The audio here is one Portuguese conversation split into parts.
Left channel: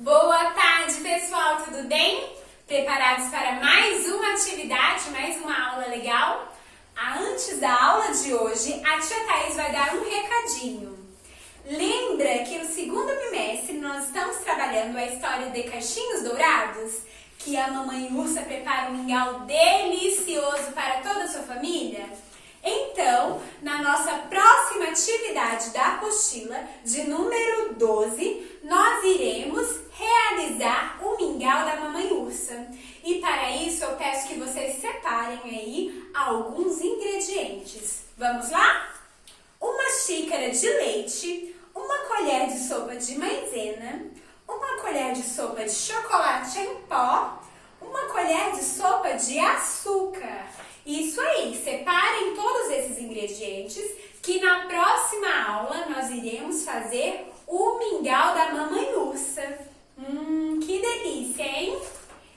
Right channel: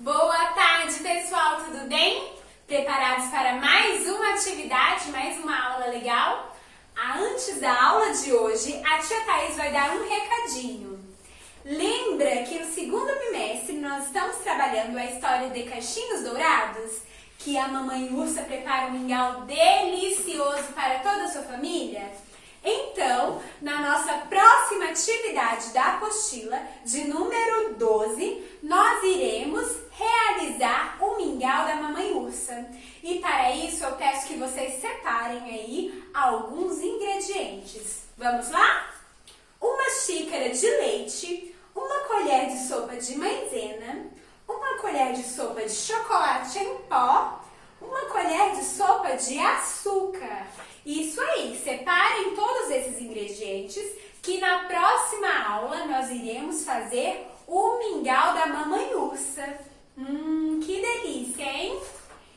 Boa tarde, pessoal, tudo bem? Preparados para mais uma atividade, mais uma aula legal? Antes da aula de hoje, a tia Thaís vai dar um recadinho. Lembra que no segundo bimestre nós estamos trabalhando a história de Caixinhos Dourados? Que a mamãe ursa prepara um mingau delicioso para toda a sua família? Então, na nossa próxima atividade da apostila, de número 12, nós iremos realizar o mingau da mamãe ursa. E para isso eu peço que vocês separem aí alguns ingredientes. Vamos lá? Uma xícara de leite, uma colher de sopa de maizena, uma colher de sopa de chocolate em pó, uma colher de sopa de açúcar. Isso aí, separem todos esses ingredientes que na próxima aula nós iremos fazer o mingau da mamãe ursa. Que delícia, hein?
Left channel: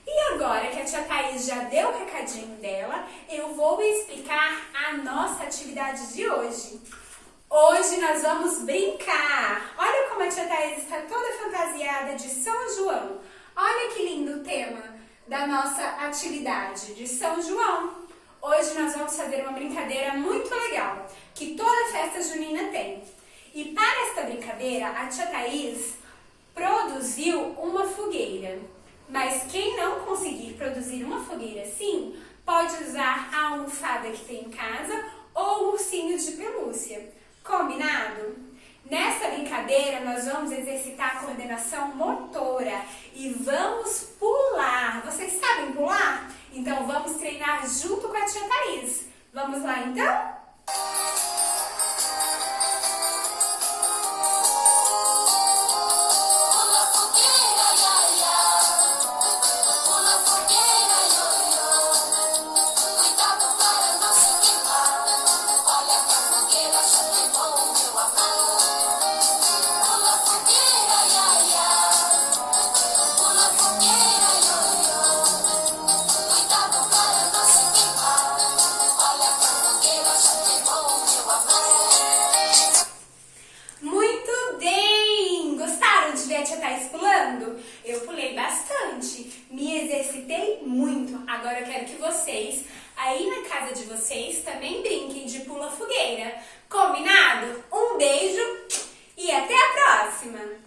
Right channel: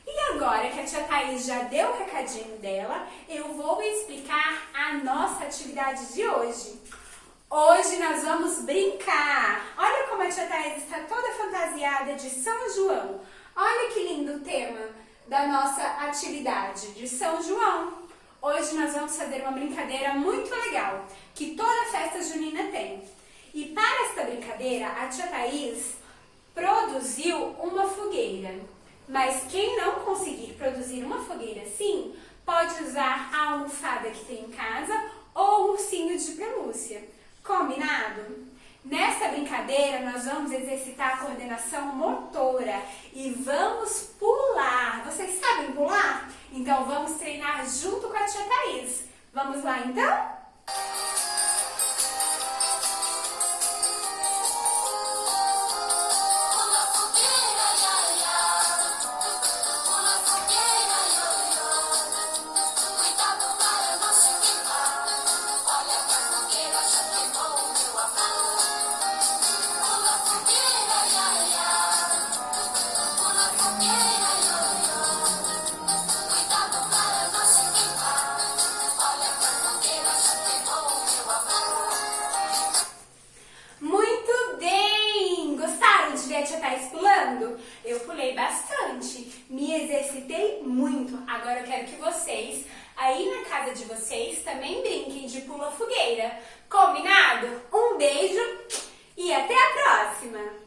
E agora que a tia Thaís já deu o recadinho dela, eu vou explicar a nossa atividade de hoje. Hoje nós vamos brincar. Olha como a tia Thaís está toda fantasiada de São João. Olha que lindo o tema da nossa atividade de São João. Hoje nós vamos fazer uma brincadeira muito legal, que toda festa junina tem. E para esta brincadeira, a tia Thaís produziu uma fogueira. Mas quem não conseguir produzir uma fogueira assim, pode usar a almofada que tem em casa ou o ursinho de pelúcia. Combinado? Nessa brincadeira, nós vamos exercitar a coordenação motora e vamos pular. Vocês sabem pular? Então, vamos treinar junto com a tia Thaís. Vamos lá, então? A tia Thaís pulando? Eu pulei bastante, me exercitei muito. Agora eu quero que vocês, aí na casa de vocês, também brinquem de pula-fogueira. Combinado? Um beijo e até a próxima!